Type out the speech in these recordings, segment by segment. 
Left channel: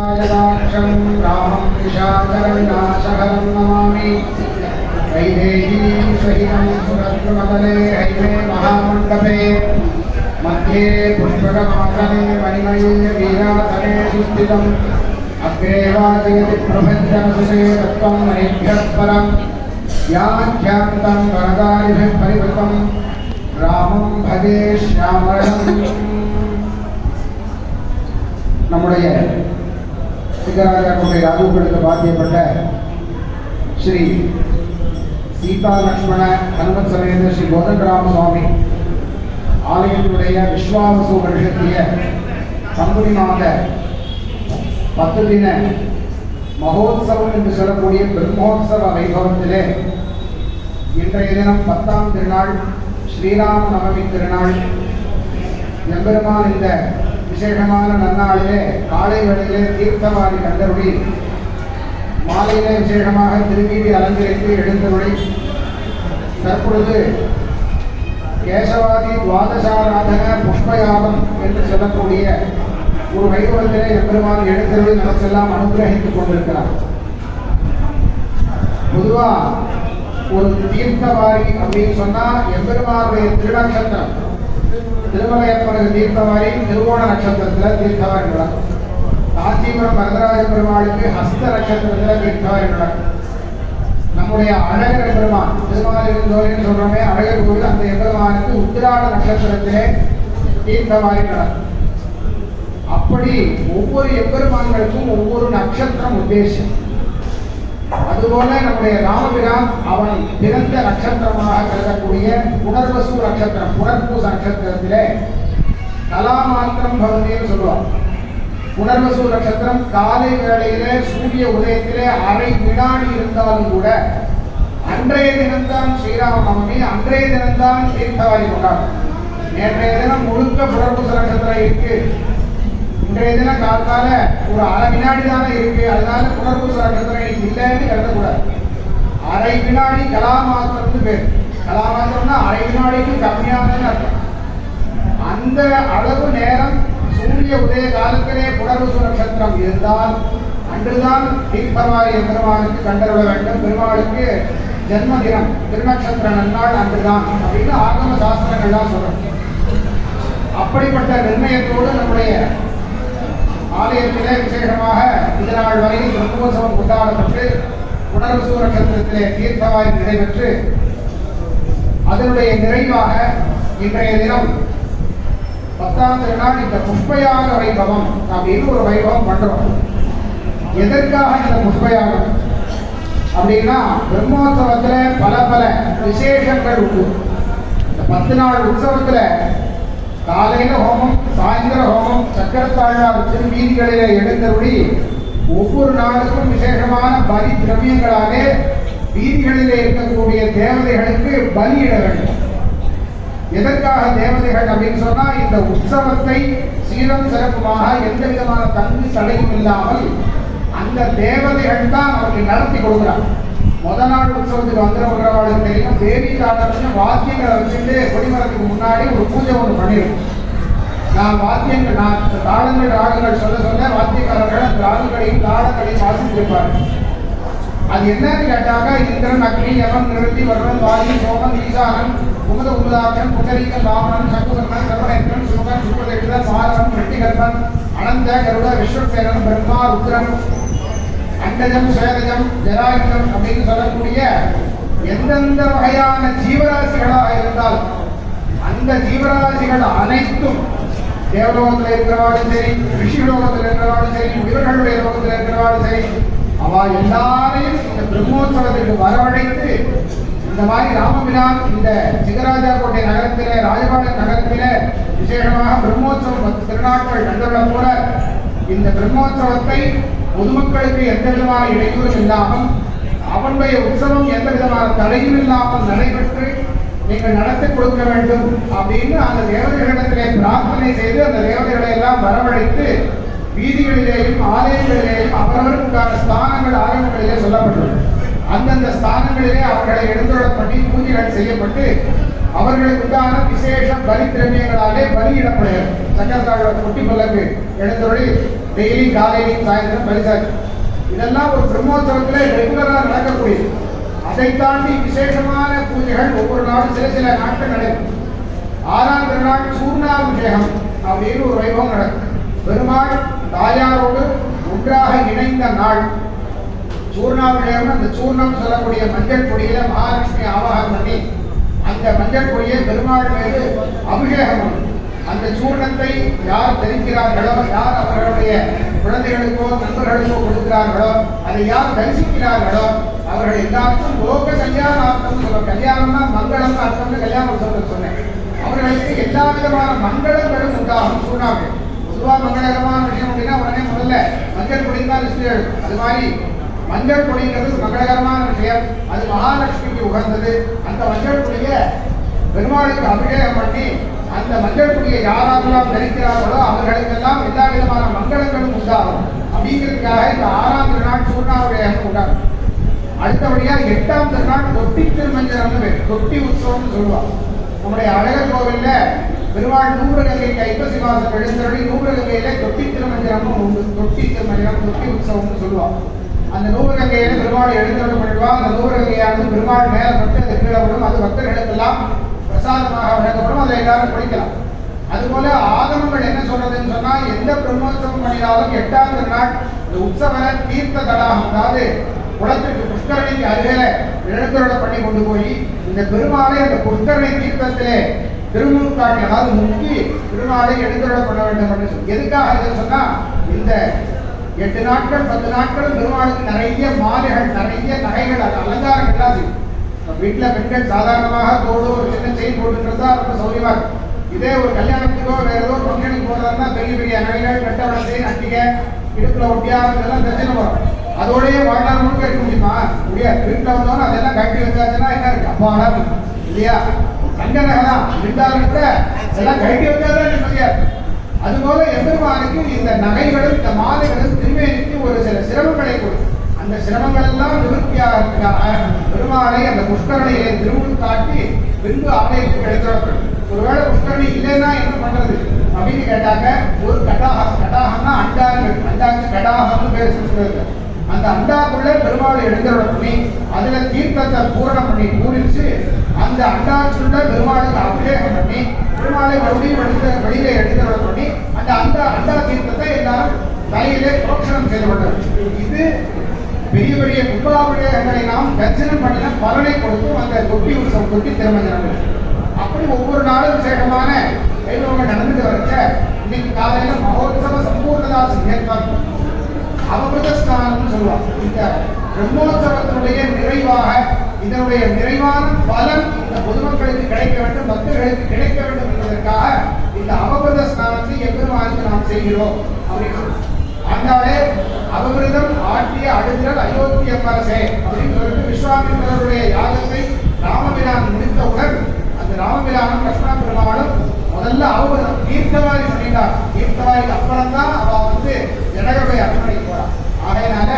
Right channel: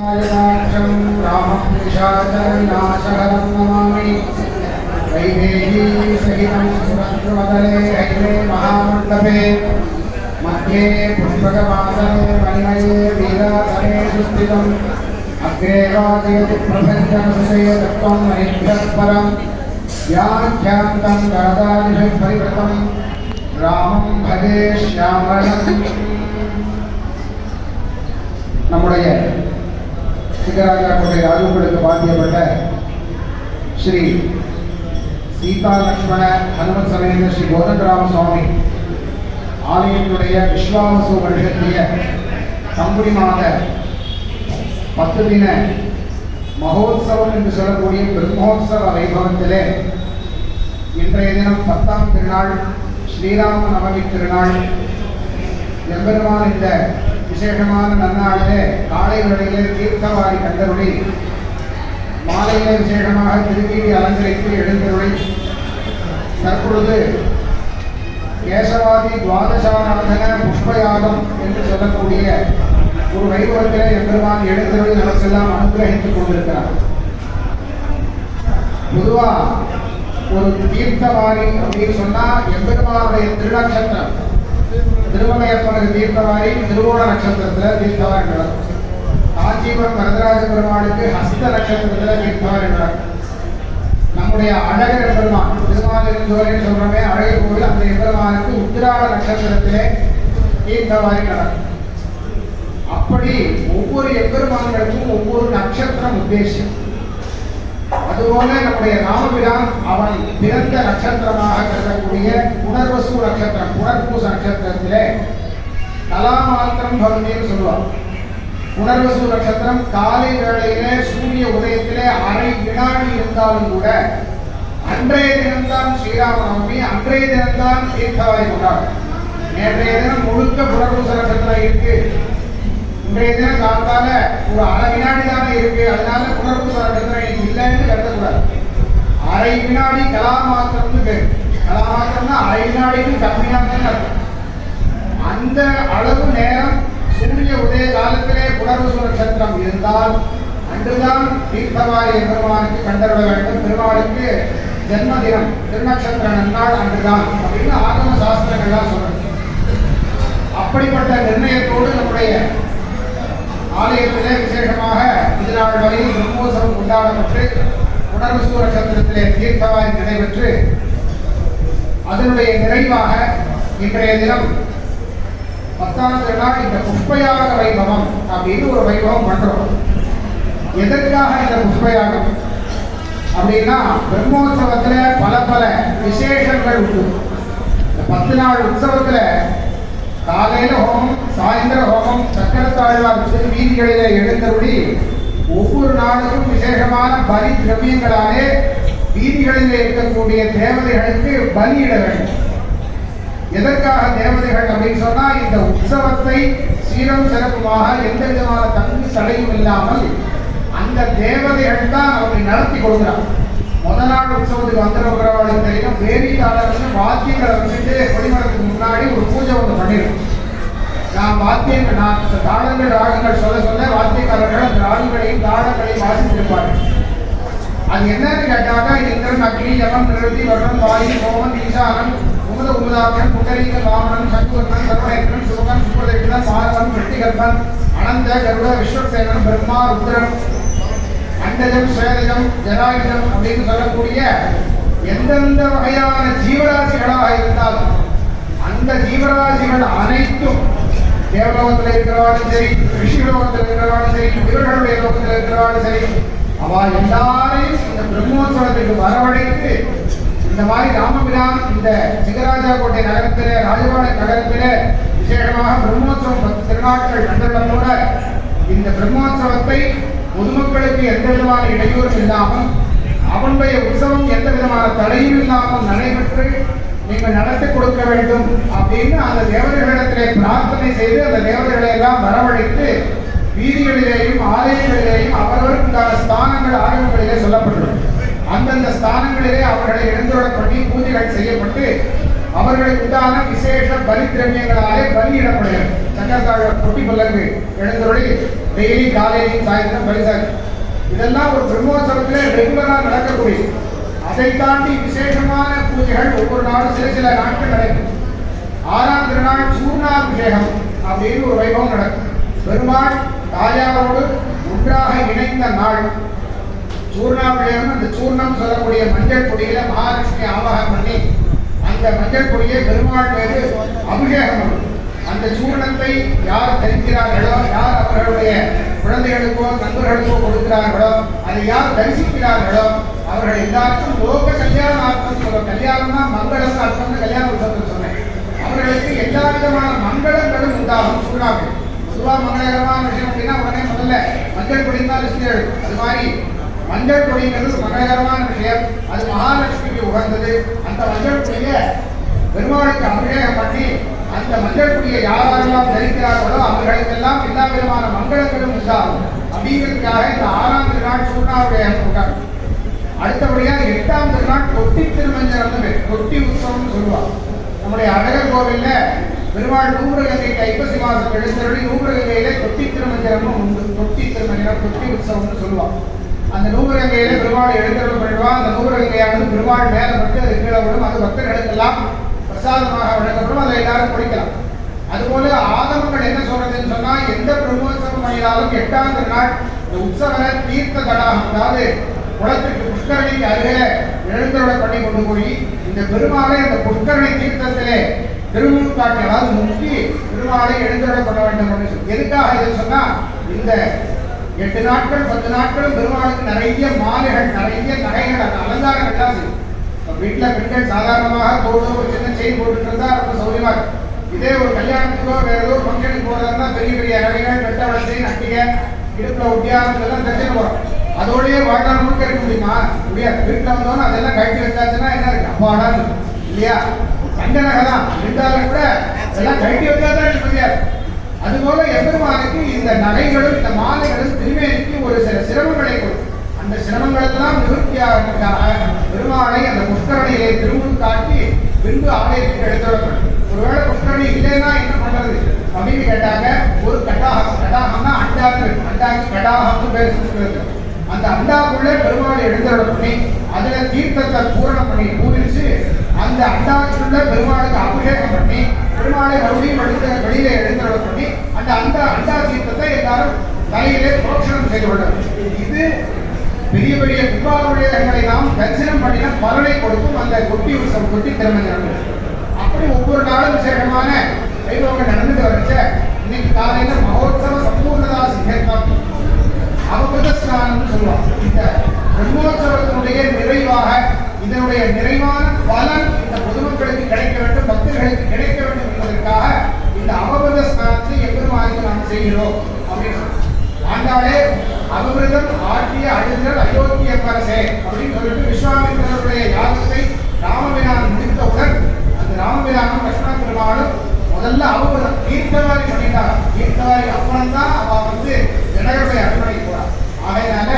रामं निशाचरविनाशहरं नमामि वैदेही सहितं सुरद्रुमतले हैमे महामण्डपे मध्ये पुष्पकमासने मणिमये वीरासने सुस्थितम् अग्रे वाचयति प्रपञ्चमसुषे तत्त्वं मणिभ्यः परं व्याख्यान्तं गणदादिभिः परिवृतं रामं भजे श्यामळम् நம்முடைய சிங்கராஜா கோட்டை ராஜுகளுக்கு பாத்தியப்பட்ட ஸ்ரீ சீதா லக்ஷ்மண ஹனுமத் சமேத ஸ்ரீ கோதண்டராம சுவாமி ஆலயத்தினுடைய விஸ்வாவசு வருஷத்திய பங்குனி மாத 10 தின மகோத்சவம் என்று சொல்லக்கூடிய பிரம்மோத்சவ வைபவத்திலே இன்றைய தினம் 10ஆம் திருநாள் ஸ்ரீராம நவமி திருநாள் எம்பெருமான் இந்த விசேஷமான நன்னாளிலே காலை வேளையிலே தீர்த்தவாரி கண்டருளி மாலையிலே விசேஷமாக திருவீதி அலங்கரித்து எழுந்தருளி தற்பொழுது கேசவாதி துவாதசாராதன புஷ்பயாகம் என்று சொல்லக்கூடிய ஒரு வைபவத்திலே எம்பெருமான் எழுந்தருளி நமக்கெல்லாம் அனுகிரகித்துக் கொண்டிருக்கிறார். பொதுவா ஒரு தீர்த்தவாரி அப்படின்னு சொன்னா எம்பெருமானுடைய திருநக்ஷத்திரம் திருமலையப்பனுக்கு தீர்த்தவாரி திருவோண நட்சத்திரத்தில் தீர்த்தவாரி இருக்கிறார். காஞ்சிபுரம் வரதராஜ பெருமாளுக்கு ஹஸ்த நட்சத்திரத்தில் தீர்த்தவாரி இருக்கிறார். நம்முடைய அழகர் எம்பெருமான் திருமாலிருந்தோரேன்னு சொல்றோமே அழகர் கோவில், அந்த எம்பெருமானுக்கு உத்திராட நட்சத்திரத்திலே தீர்த்தவாரி நடக்கும். அப்படி ஒவ்வொரு எம்பெருமான்களுக்கும் ஒவ்வொரு நட்சத்திரம் உத்தேசம். அதுபோல நம்முடைய ராமபிரான் அவன் பிறந்த நட்சத்திரமாக கருதக்கூடிய புனர்வசு நட்சத்திரம், புனர்பூச நட்சத்திரத்திலே கலாமாத்திரம் பவதின்னு சொல்லுவார். புனர்வசு நட்சத்திரம் காலை வேளையிலே சூரிய உதயத்திலே அரை வினாடி இருந்தாலும் கூட அன்றைய தினம்தான் ஸ்ரீராம நவமி, அன்றைய தினம்தான் தீர்த்தவாரி கொண்டாடும். நேற்றைய தினம் முழுக்க புனர்பூச நட்சத்திரம் இருக்கு, இன்றைய தினம் காலத்தால ஒரு அரை வினாடி தானே இருக்கு, அதனால புனர்பூச நட்சத்திரம் இல்லைன்னு கருதக்கூடாது. அரை வினாடி கலாமாத்திரம்னு பேர். கலாமாத்திரம்னா அரை வினாடிக்கு கம்மியானதுன்னு அர்த்தம். அந்த அளவு நேரம் சூரிய உதய காலத்திலே புனர்பூச நட்சத்திரம் இருந்தால் அன்றுதான் தீர்த்தவாரி பெருமானுக்கு கண்டறிய வேண்டும். பெருமாளுக்கு ஜென்மதினம் திருநட்சத்திர நன்னாள் அன்றுதான் அப்படின்னு ஆகம சாஸ்திரங்கள்லாம் சொல்றோம். அப்படிப்பட்ட நிர்ணயத்தோடு நம்முடைய ஆலயத்திலே விசேஷமாக இது நாள் வரை பிரம்மோற்சவம் கொண்டாடப்பட்டு புனர்வசு நட்சத்திரத்திலே தீர்த்தவாரி நடைபெற்று அதனுடைய நிறைவாக இன்றைய தினம் 10ஆம் திருநாள் இந்த புஷ்பயாக வைபவம் அப்படின்னு ஒரு வைபவம் பண்றோம். எதற்காக இந்த புஷ்பயாகம் அப்படின்னா பிரம்மோற்சவத்துல பல பல விசேஷங்கள் உண்டு. இந்த 10 நாள் உற்சவத்துல காலையில ஹோமம், சாயந்தர ஹோமம், சக்கரத்தாழ்வார் திருவீதிகளிலே எழுந்தருளி ஒவ்வொரு நாளுக்கும் விசேஷமான பலி திரவியங்களாலே வீதிகளிலே இருக்கக்கூடிய தேவதைகளுக்கு பலியிட வேண்டும். எதற்காக தேவதைகள் அப்படின்னு சொன்னா இந்த உற்சவத்தை சீரம் சிறப்புமாக எந்த விதமான தங்கு தடையும் இல்லாமல் அந்த தேவதைகள் தான் அவரை நடத்தி கொடுக்கிறார். முதல் நாள் உற்சவத்துக்கு வந்துடுறவர்களுக்கு தெரியும், வேதிக்காரர்கள் வாத்தியங்களை வச்சுட்டு கொடிமரத்துக்கு முன்னாடி ஒரு பூஜை ஒன்று பண்ணிடும். நான் வாத்தியங்கள் தாளங்கள் ராகங்கள் சொல்ல சொல்ல வாத்தியக்காரர்கள் அந்த ராகங்களையும் தாளங்களையும் வாசித்திருப்பார்கள். அது என்னன்னு கேட்டாங்க, இந்திரன் அக்னி யமன் நிறுத்தி வருணன் வாயு சோமன் ஈசானன் உமத உமதாக்கியம் புகரீகன் வாமனன் சக்குசக்கரன் சர்வநேத்திரன் சுமுகன் சுப்பதேவிதன் மாதவன் வெட்டிகற்பன் அனந்த கருட விஸ்வசேனன் பிரம்மா ருத்ரன் அண்டஜம் சேதஜம் ஜராயுதம் அப்படின்னு சொல்லக்கூடிய எந்தெந்த வகையான ஜீவராசிகளாக இருந்தால் அந்த ஜீவராசிகள் அனைத்தும் தேவலோகத்தில் இருக்கிறவாலும் சரி, ரிஷிலோகத்தில் இருக்கிறவாலும் சரி, வீரர்களுடைய லோகத்தில் இருக்கிறவாலும் சரி, அவ எல்லாரையும் இந்த பிரம்மோற்சவத்திற்கு வரவழைத்து இந்த மாதிரி ராமபிரான் இந்த சிங்கராஜா கோட்டை நகரத்திலே ராஜபாளையம் நகரத்திலே விசேஷமாக பிரம்மோற்சவம் 10 திருநாட்கள் கண்டுள்ள போல இந்த பிரம்மோற்சவத்தை பொதுமக்களுக்கு எந்த விதமான இடையூறும் இல்லாமல் அவனுடைய உற்சவம் எந்த விதமான தடையும் இல்லாமல் நடைபெற்று நீங்கள் நடத்தி கொடுக்க வேண்டும் அப்படின்னு அந்த தேவதைகளிடத்திலே பிரார்த்தனை செய்து அந்த தேவதைகளை எல்லாம் வரவழைத்து வீதிகளிலேயும் ஆலயங்களிலேயும் அவரவருக்கான ஸ்தானங்கள் ஆகமங்களிலே சொல்லப்பட்டுள்ளது. அந்தந்த ஸ்தானங்களிலே அவர்களை எழுந்துள்ளபடி பூஜைகள் செய்யப்பட்டு அவர்களுக்கு உண்டான விசேஷ பலி திரவியங்களாலே பலியிடப்படுகிறது. சக்கரத்தாழ்வார் குட்டி புலங்கு எழுந்துள்ளி டெய்லி காலையிலையும் சாயந்தரம் பரிசாக்கு. இதெல்லாம் ஒரு பிரம்மோற்சவத்தில் ரெகுலராக நடக்கக்கூடிய. அதை தாண்டி விசேஷமான பூஜைகள் ஒவ்வொரு நாளும் சில நாட்கள் நடக்கும். 6ஆம் திருநாள் சூர்ணாபிஷேகம் அப்படின்னு ஒரு வைபவம் நடக்கும். பெருமாள் தாயாரோடு ஒன்றாக இணைந்த நாள் சூர்ணாபிஷேகம். அந்த சூர்ணம் சொல்லக்கூடிய மஞ்சள் பொடியில மகாலட்சுமி ஆவாகம் பண்ணி அந்த மஞ்சள் பொடியை பெருமாள் மீது அபிஷேகம் பண்ணும். அந்த சூர்ணத்தை யார் தெரிவிக்கிறார்களோ, யார் அவர்களுடைய குழந்தைகளுக்கோ நண்பர்களுக்கோ கொடுக்கிறார்களோ, அதை யார் தரிசிக்கிறார்களோ அவர்கள் எல்லாருக்கும் லோக கல்யாணார்த்தம் சொல்ற கல்யாணம்னா மங்களம் அர்த்தம்னு கல்யாண உற்சவத்தில் சொன்னேன். அவர்களுக்கு எல்லா விதமான மங்களங்களும் உண்டாகும். சூழ்நாள் பொதுவாக மங்களகரமான விஷயம் அப்படின்னா உடனே முதல்ல மஞ்சள் பொடி தான் லிஸ்ட். அது மாதிரி மஞ்சள் பொடிங்கிறது மங்களகரமான விஷயம். அது மகாலட்சுமிக்கு உகந்தது. அந்த மஞ்சள் பொடியை பெருமாளுக்கு அபிஷேகம் பண்ணி அந்த மஞ்சள் பொடியை யாரெல்லாம் தரிக்கிறார்களோ அவர்களுக்கெல்லாம் எல்லா விதமான மங்களங்களும் உண்டாகும் அப்படிங்கிறதுக்காக இந்த 6ஆம் திருநாள் சூர்ணாபிஷேகம் கொண்டாடும். அடுத்தபடியாக 8ஆம் திருநாள் தொட்டி திருமஞ்சனம், தொட்டி உற்சவம்னு சொல்லுவாங்க. நம்முடைய அழகர் கோவில்ல பெருமாள் நூறுகங்கை ஐப்பசி மாசம் எழுந்தருளி நூறுகங்கையில தொட்டி திருமஞ்சனம் உண்டு. தொட்டி திருமஞ்சனம், தொட்டி உற்சவம்னு சொல்லுவாங்க. அந்த நூறுகங்கையில பெருமாள் எழுந்தருள் பண்ணிடுவா. அந்த நூறுகங்கையானது பெருமாள் மேல பட்டு அது கீழே விடும். அது பக்தர்களுக்கெல்லாம் பிரசாதமாக வழங்கப்படும். அதை எல்லாரும் குடிக்கலாம். அதுபோல ஆகமங்கள் என்ன சொல்றதுன்னு சொன்னா, எந்த பிரம்மோற்சவம் பண்ணினாலும் 8ஆம் திருநாள் இந்த உற்சவ தீர்த்த தடாகம், அதாவது குளத்திற்கு புஷ்கரணிக்கு அருகே எழுந்தருளை பண்ணி கொண்டு போய் இந்த பெருமாளை அந்த புஷ்கரணி தீர்த்தத்திலே திருமுழுக்காட்டி, அதாவது முக்கி பெருமாளை எழுந்தருளை பண்ண வேண்டும் அப்படின்னு சொல்லி. எதுக்காக இதை சொன்னா, இந்த 8 நாட்கள் 10 நாட்களும் பெருமாளுக்கு நிறைய மாலைகள், நிறைய நகைகள், அந்த அலங்காரங்கள் எல்லாம் செய்யும். வீட்டில் பெண்கள் சாதாரணமாக தோடு ஒரு சின்ன செயின் போட்டுட்டு தான் ரொம்ப சௌரியமா இருக்கும். இதே ஒரு கல்யாணத்துக்கோ வேற ஏதோ ஃபங்க்ஷனுக்கு போறதா பெரிய பெரிய நகைகள், கட்டவளை செயின், அட்டிகை, இடுப்புல ஒட்டியாரத்துலாம் தெரிஞ்சுட்டு போறோம். அதோடய வாழ்நாள் முழுக்க இருக்க முடியுமா? முடியாது. வீட்டில் வந்தோன்னு அதெல்லாம் கட்டி வச்சாச்சுன்னா என்ன இருக்கு, அப்பாடா இல்லையா? தங்க நகை தான் இருந்தாலும் கூட அதெல்லாம் கட்டி வச்சாதான் இருக்க முடியாது. அதுபோல எம்பெருமானுக்கு இந்த நகைகளும் இந்த மாலைகளும் திருமேனிக்கு ஒரு சில சிரமங்களை கொடுக்கும். அந்த சிரமங்களெல்லாம் நிவர்த்தியாக பெருமாளை அந்த புஷ்கரணியை திருமுன் காட்டி பின்பு ஆலயத்துக்கு எடுத்துடப்படும். ஒருவேளை புஷ்கரணி இல்லைன்னா என்ன பண்றது அப்படின்னு கேட்டாங்க. ஒரு கடாகம், கடாகம்னா அண்டாங்க, அண்டாக்கு கடாகம்னு பேர் சொல்றது. அந்த அண்டாக்குள்ளே பெருமாளை எழுந்தருள் பண்ணி அதுல தீர்த்தத்தை பூரணம் பண்ணி பூரிச்சு அந்த அண்டாக்குள்ள பெருமாளுக்கு அபிஷேகம் பண்ணி பெருமாளை மறுபடியும் வெளியில எழுந்தருள் பண்ணி அந்த அண்டா தீர்த்தத்தை எல்லாரும் தலையிலே புரோஷனம் செய்து கொள்ளும். இது பெரிய பெரிய கும்பாபிஷேகங்களை நாம் தரிசனம் பண்ணின பலனை கொடுக்கும் அந்த தொட்டி உற்சவம், தொட்டி திருமஞ்சனம். அப்படி ஒவ்வொரு நாளும் விசேஷமான வைபவங்கள் நடந்துட்டு வரைச்ச இன்னைக்கு காலையில மகோத்சவ சம்பூர்ணதா சிங்கேற்பாங்க அவபத ஸ்நானம்னு சொல்லுவாங்க. இந்த பிரம்மோற்சவத்தினுடைய நிறைவாக இதனுடைய நிறைவான பலன் இந்த பொதுமக்களுக்கு கிடைக்க வேண்டும், பக்தர்களுக்கு கிடைக்க வேண்டும் என்பதற்காக இந்த அவபத ஸ்நானத்தை எப்பெருமானுக்கு நாம் செய்கிறோம் அப்படின்னு சொல்றோம். ஆண்டாலே அவபிரதம் ஆற்றிய அழுதல் அயோத்திய அரசே அப்படின்னு சொல்லிட்டு விஸ்வாமித்திரருடைய யாகத்தை ராமபிரான் முடித்தவுடன் அந்த ராமபிரானும் லட்சுமண பெருமாளும் முதல்ல அவபிரதம் தீர்த்தவாரி பண்ணிட்டார். தீர்த்தவாரி அப்புறம் தான் அவ ஜனகருடைய அரண்மனைக்கு போறார். ஆகையினால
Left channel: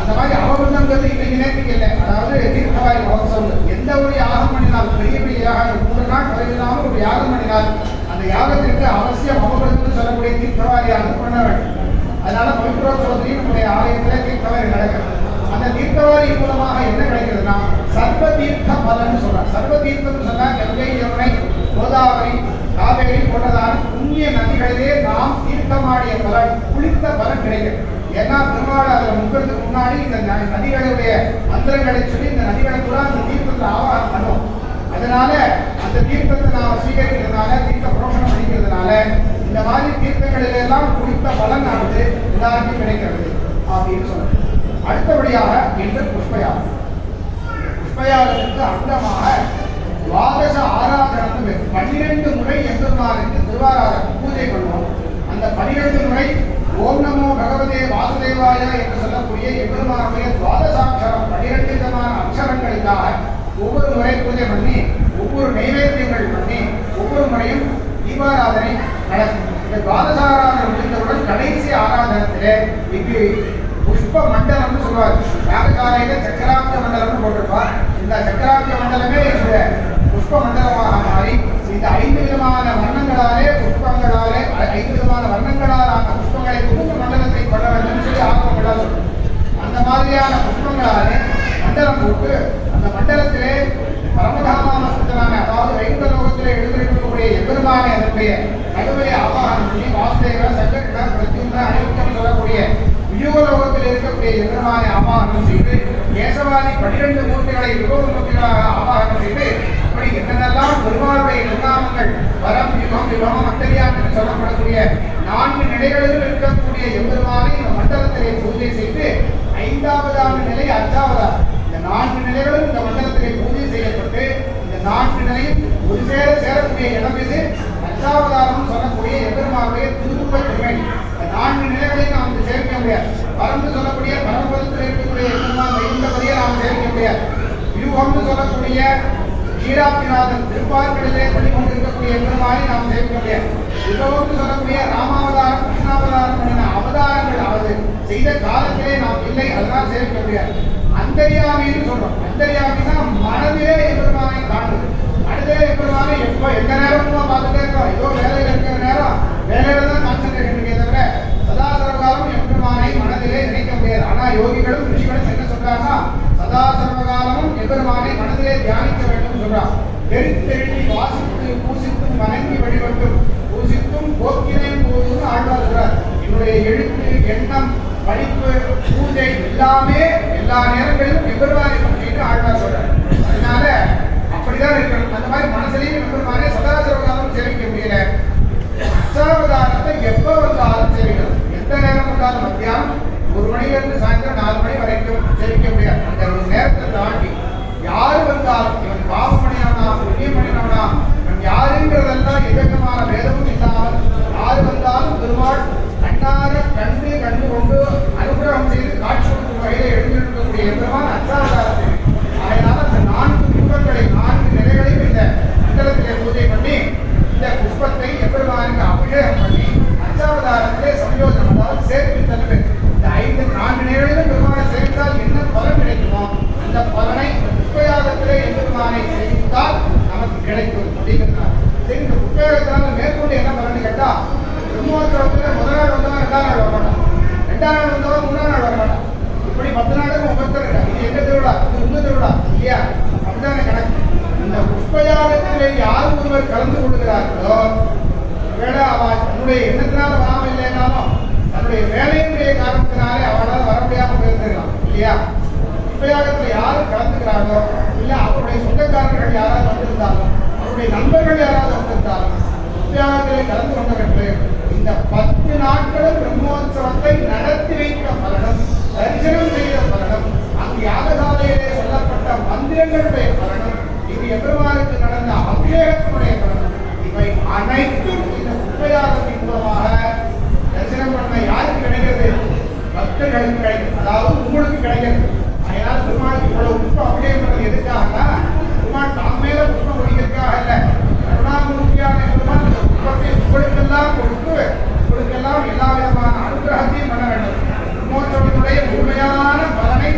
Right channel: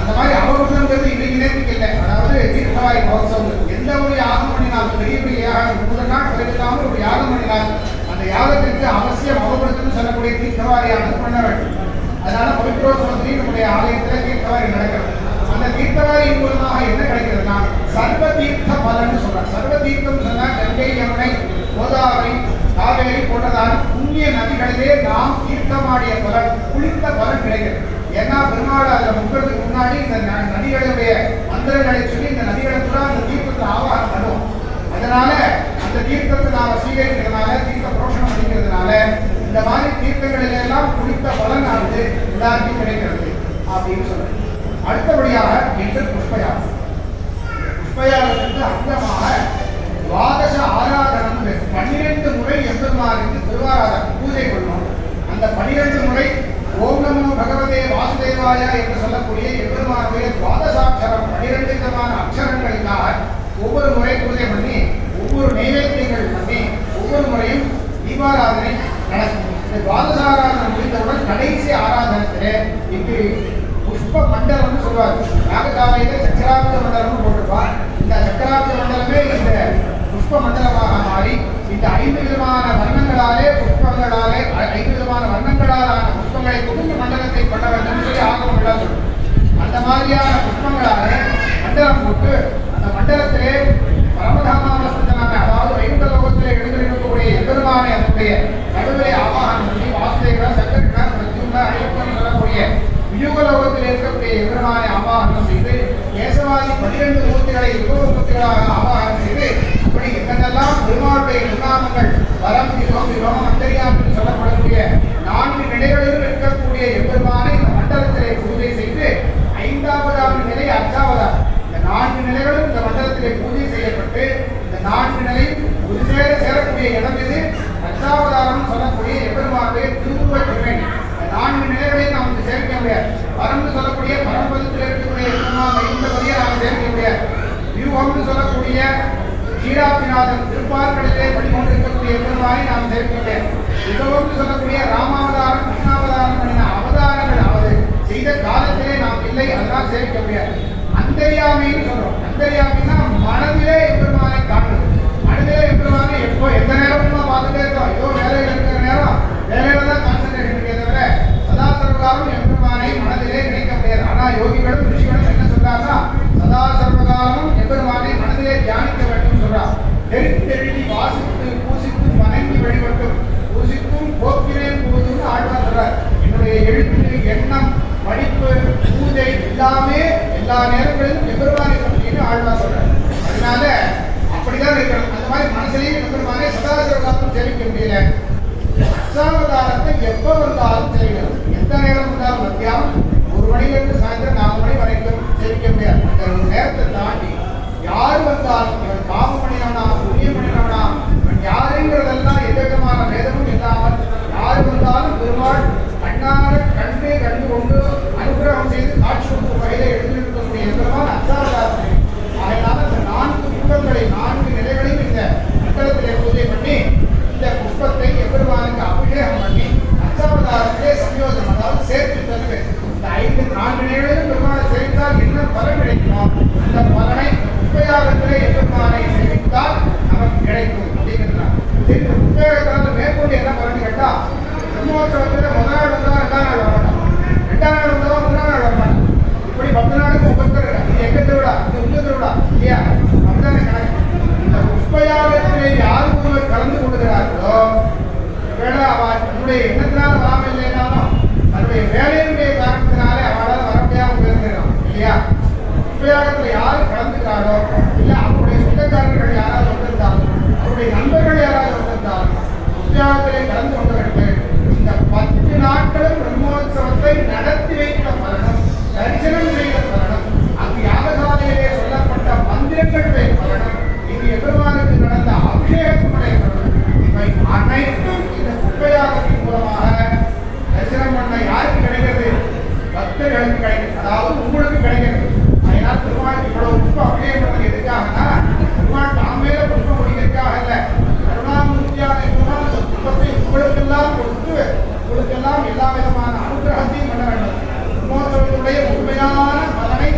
அந்த மாதிரி அவபிரதம்ங்கிறது இன்னைக்கு நேரத்துக்கு இல்லை. அதாவது தீர்த்தவாரி மகோத்சவம் எந்த ஒரு யாகம் பண்ணினாலும் பெரிய பெரிய யாகம் 3 நாள் கோயிலாமல் ஒரு யாகம் பண்ணினால் அந்த யாகத்திற்கு அவசியம் அவபிரதம் சொல்லக்கூடிய தீர்த்தவாரியானது பண்ண வேண்டும். அதனால பவித்ரோத்சவத்திலையும் நம்முடைய ஆலயத்தில் தீர்த்தவாரி நடக்கிறது. அந்த தீர்த்தவாரி மூலமாக என்ன கிடைக்கிறதுனா சர்வ தீர்த்த பலன்னு சொல்றாங்க. சர்வ தீர்த்தம் சொன்னா கங்கை, யமுனை, கோதாவரி, காவேரி போன்றதான புண்ணிய நதிகளிலே நாம் தீர்த்தமாடிய பலன், குளித்த பலன் கிடைக்கிறது. ஏன்னா பெருமாள் அதில் முக்கிறதுக்கு முன்னாடி இந்த நதிகளுடைய மந்திரங்களை சொல்லி இந்த நதிகளை கூட அந்த தீர்த்தத்தை ஆவாகம் பண்ணுவோம். அதனால அந்த தீர்த்தத்தை நாம் சீகரிக்கிறதுனால, தீர்த்த புரோஷனம் பண்ணிக்கிறதுனால இந்த மாதிரி தீர்த்தங்களிலெல்லாம் குளித்த பலனானது எல்லாருக்கும் கிடைக்கிறது அப்படின்னு சொல்றது. அடுத்தபடியாக இன்று புஷ்பயாகம். புஷ்பயாகத்திற்கு அங்கமாக துவாதச ஆராதனம் 12 முறை எம்பெருமானுக்கு திருவாராதனம் பூஜை பண்ணுவோம். அந்த 12 முறை ஓம் நமோ பகவதே வாசுதேவாய என்று சொல்லக்கூடிய எம்பெருமானுடைய துவாதசாட்சரம் 12 விதமான அக்ஷரங்களுக்காக ஒவ்வொரு முறை பூஜை பண்ணி ஒவ்வொரு நைவேத்தியங்கள் பண்ணி ஒவ்வொரு முறையும் தீபாராதனை நடக்கும். இந்த துவாதசாராதனை முடிந்தவுடன் கடைசி ஆராதனத்திலே இங்கு புஷ்ப மண்டலம்னு சொல்வார். யாகசாலையில சக்கராப்த மண்டலம்னு போட்டிருப்பார். இந்த சக்கராப்த மண்டலமே இந்த புஷ்ப மண்டலமாக மாறி இந்த 5 விதமான வர்ணங்களாலே புஷ்பங்களாலே 5 விதமான வர்ணங்களாலான புஷ்ப புஷ்பங்களை புகுந்து மண்டலத்தை கொள்ள வேண்டும் சொல்லி ஆகமம் எல்லாம் சொல்லும். அந்த மாதிரியான புஷ்பங்களாலே மண்டலம் போட்டு அந்த மண்டலத்திலே பரமதாமாவஸ்தனான அதாவது வைகுண்ட லோகத்திலே எழுந்திருக்கக்கூடிய எம்பெருமானை அதனுடைய நடுவிலே ஆவாகனம் பண்ணி வாசுதேவ சக்கர பிரத்யும்ன அனைவரும் சொல்லக்கூடிய வியூகலோகத்தில் இருக்கக்கூடிய எம்பெருமானை ஆவாகனம் செய்து கேசவாதி 12 மூர்த்திகளை யுகமூர்த்திகளாக ஆவாகனம் செய்து அப்படி என்னென்னலாம் பெருமாளுடைய நிர்வாகங்கள் வரம் யுகம் யுகம் அந்தரியாம் என்று சொல்லப்படக்கூடிய 4 நிலைகளிலும் இருக்கக்கூடிய எம்பெருமானை இந்த மண்டலத்திலே பூஜை செய்து 5வது நிலை அர்ச்சாவதார். இந்த 4 நிலைகளும் இந்த மண்டலத்திலே பூஜை செய்யப்பட்டு இந்த 4 நிலையும் ஒரு சேரக்கூடிய இடம் இது அர்ச்சாவதாரம் சொல்லக்கூடிய எம்பெருமானுடைய திருவுருவ திருமை. இந்த 4 நிலைகளையும் நாம் வந்து சேர்க்க முடியாது. பரம்பு சொல்லக்கூடிய பரம்பதத்தில் இருக்கக்கூடிய எம்பெருமான் இந்த பதியை நாம் சேர்க்க முடியாது. வியூகம்னு சொல்லக்கூடிய ஈராப்பிநாதன் திருப்பார்களிலே படிக்கொண்டிருக்கக்கூடிய எம்பெருமானை நாம் சேர்க்க முடியாது. யுகம்னு சொல்லக்கூடிய ராமாவதாரம் கிருஷ்ணாவதாரம் பண்ணின அவதாரங்கள் அவது செய்த காலத்திலே நாம் இல்லை, அதெல்லாம் சேர்க்க முடியாது. அந்தரியாமின்னு சொல்றோம். அந்தரியாமின்னா மனதிலே எம்பெருமானை காணுது. மனதிலே எம்பெருமானை எப்போ எந்த நேரமும் பார்த்துட்டே இருக்கோம். ஏதோ வேலையில் இருக்கிற நேரம் வேலையில தான் கான்சன்ட்ரேஷன் தவிர சதா சர்வகாலம் எம்பெருமானை மனதிலே நினைக்க முடியாது. ஆனா யோகிகளும் ரிஷிகளும் என்ன சொல்றாங்கன்னா சதா சர்வகாலமும் எம்பெருமானை மனதிலே தியானிக்க வேண்டும் சொல்றான். தெரிந்தெழுதி வாசித்து பூசித்து வணங்கி வழிபட்டும் பூசித்தும் போக்கினேன் போதும் ஆழ்வார் சொல்றார். என்னுடைய எழுத்து எண்ணம் படிப்பு பூஜை எல்லாமே எல்லா நேரங்களிலும் எம்பெருமானை பற்றின்னு ஆழ்வார் சொல்றார். அதனால அப்படிதான் இருக்கணும். அந்த மாதிரி மனதிலையும் எம்பெருமானை சதா சர்வகாலம் சேமிக்க முடியல. அர்ச்சாவதாரத்தை எப்ப வந்தாலும் சேமிக்கலாம். எந்த நேரம் வந்தாலும் மத்தியானம் 1 மணிலிருந்து சாயந்தரம் 4 மணி வரைக்கும் சேமிக்க முடியாது. அந்த ஒரு நேரத்தை தாண்டி யார் வந்தாலும் இவன் பாவம் பண்ணினவனா புண்ணியம் பண்ணினவனா இவன் யாருங்கிறதெல்லாம் எதற்கமான வேதமும் இல்லாமல் யார் வந்தாலும் பெருமாள் கண்ணார கண்டு கொண்டு அனுகிரகம் செய்து காட்சி கொடுக்கும் வகையிலே எழுந்திருக்கக்கூடிய எம்பெருமான் அர்ச்சாவதாரத்தை. அதனால அந்த 4 புஷ்பங்களை 4 நிலைகளையும் இந்த மண்டலத்திலே பூஜை பண்ணி இந்த புஷ்பத்தை எம்பெருமானுக்கு அபிஷேகம் பண்ணி அர்ச்சாவதாரத்திலே சம்யோஜனம் அதாவது சேர்த்து தருவது. இந்த 4 நிலைகளிலும் பெருமானை சேர்த்தால் என்ன பலன் கிடைக்குமோ அந்த பலனை புஷ்பயாகத்திலே எம்பெருமானை சேமித்தால் நமக்கு கிடைக்கும் அப்படிங்கிறார். இந்த புஷ்பயாகத்தினால மேற்கொண்டு என்ன பலன் கேட்டா பிரம்மோற்சவத்தில் முதல் நாள் வந்தவன் 2ஆம் நாள் வரமாட்டான், 2ஆம் நாள் வந்தவன் 3ஆம் நாள் வரமாட்டான். இப்படி 10 நாளுக்கு ஒவ்வொருத்தர் இது எங்க திருவிழா இது உங்க திருவிழா இல்லையா அப்படிதான் கணக்கு. இந்த புஷ்பயாகத்திலே யார் ஒருவர் கலந்து கொள்கிறார்களோ வேலை அவள் தன்னுடைய எண்ணத்தினால வராமல் இல்லைன்னாலும் தன்னுடைய வேலையினுடைய காரணத்தினாலே அவளால் வர முடியாமல் இருந்திருக்கலாம் இல்லையா. புஷ்பயாகத்தில் யார் கலந்துக்கிறாரோ இல்லை அவருடைய சொந்தக்காரர்கள் யாராவது வந்திருந்தாலும் அவருடைய நண்பர்கள் யாராவது வந்திருந்தாலும் புஷ்பயாகத்திலே கலந்து கொண்டவர்கள் இந்த 10 நாட்களும் பிரம்மோற்சவத்தை நடத்தி வைத்த பலனும் தரிசனம் செய்த பலனும் அங்கு யாகசாலையிலே சொல்லப்பட்ட மந்திரங்களுடைய பலனும் இங்கு எம்பெருமானுக்கு நடந்த அபிஷேகத்தினுடைய பலனும் இவை அனைத்தும் இந்த புஷ்பயாகத்தின் மூலமாக தரிசனம் பண்ண யாருக்கு கிடைக்கிறது? பக்தர்களுக்கு கிடைக்கிறது. அதாவது உங்களுக்கு கிடைக்கிறது. அதனால் பெருமாளுக்கு இவ்வளவு புஷ்பம் அபிஷேகம் பண்ணது எதுக்காகனா பெருமாள் தாம் மேல புஷ்பம் முடிக்கிறதுக்காக அல்ல. கருணாமூர்த்தியான பெருமாள் அந்த புஷ்பத்தை உங்களுக்கெல்லாம் கொடுத்து உங்களுக்கெல்லாம் எல்லா விதமான அனுகிரகத்தையும் பண்ண வேண்டும். பிரம்மோற்சவத்தினுடைய முழுமையான பலனை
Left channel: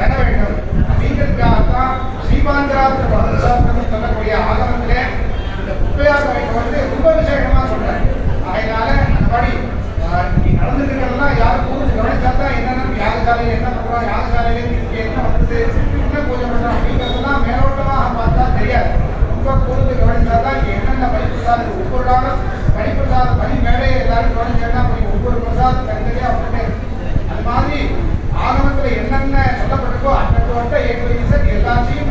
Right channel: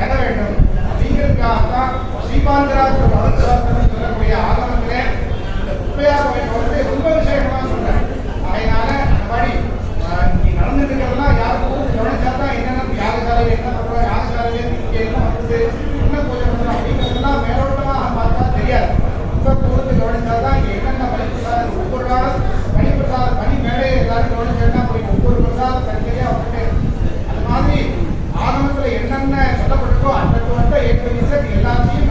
பெற வேண்டும். அப்படிங்கிறதுக்காகத்தான் ஸ்ரீபாந்தராத்திர பகவத்சாஸ்திரம் சொல்லக்கூடிய ஆகமத்திலே இந்த புஷ்பயாக வந்து ரொம்ப விசேஷமா சொல்றாரு. அதனால அந்த மாதிரி நீ நடந்துட்டு இருக்கிறதெல்லாம் யாருக்கும் கவனிச்சாதான் என்னென்ன யாகசாலையில் என்ன பண்றோம், யாகசாலையில என்ன பண்றது, என்ன பூஜை பண்றோம் அப்படிங்கிறதெல்லாம் மேலோட்டமாக பார்த்தா தெரியாது. ரொம்ப கூர்ந்து கவனிச்சாதான் என்னென்ன பலிப்பிரசாதம் ஒவ்வொரு நாளும் பலிப்பிரசாதம் பலி மேடையை எல்லாரும் கவனிச்சேன்னா ஒவ்வொரு பிரசாதம் தனித்தனியாக அப்படின்னே இருக்கும். அது மாதிரி ஆகமத்தில் என்னென்ன சொல்லப்பட்டிருக்கோ அந்த ஏற்ற எல்லாத்தையும்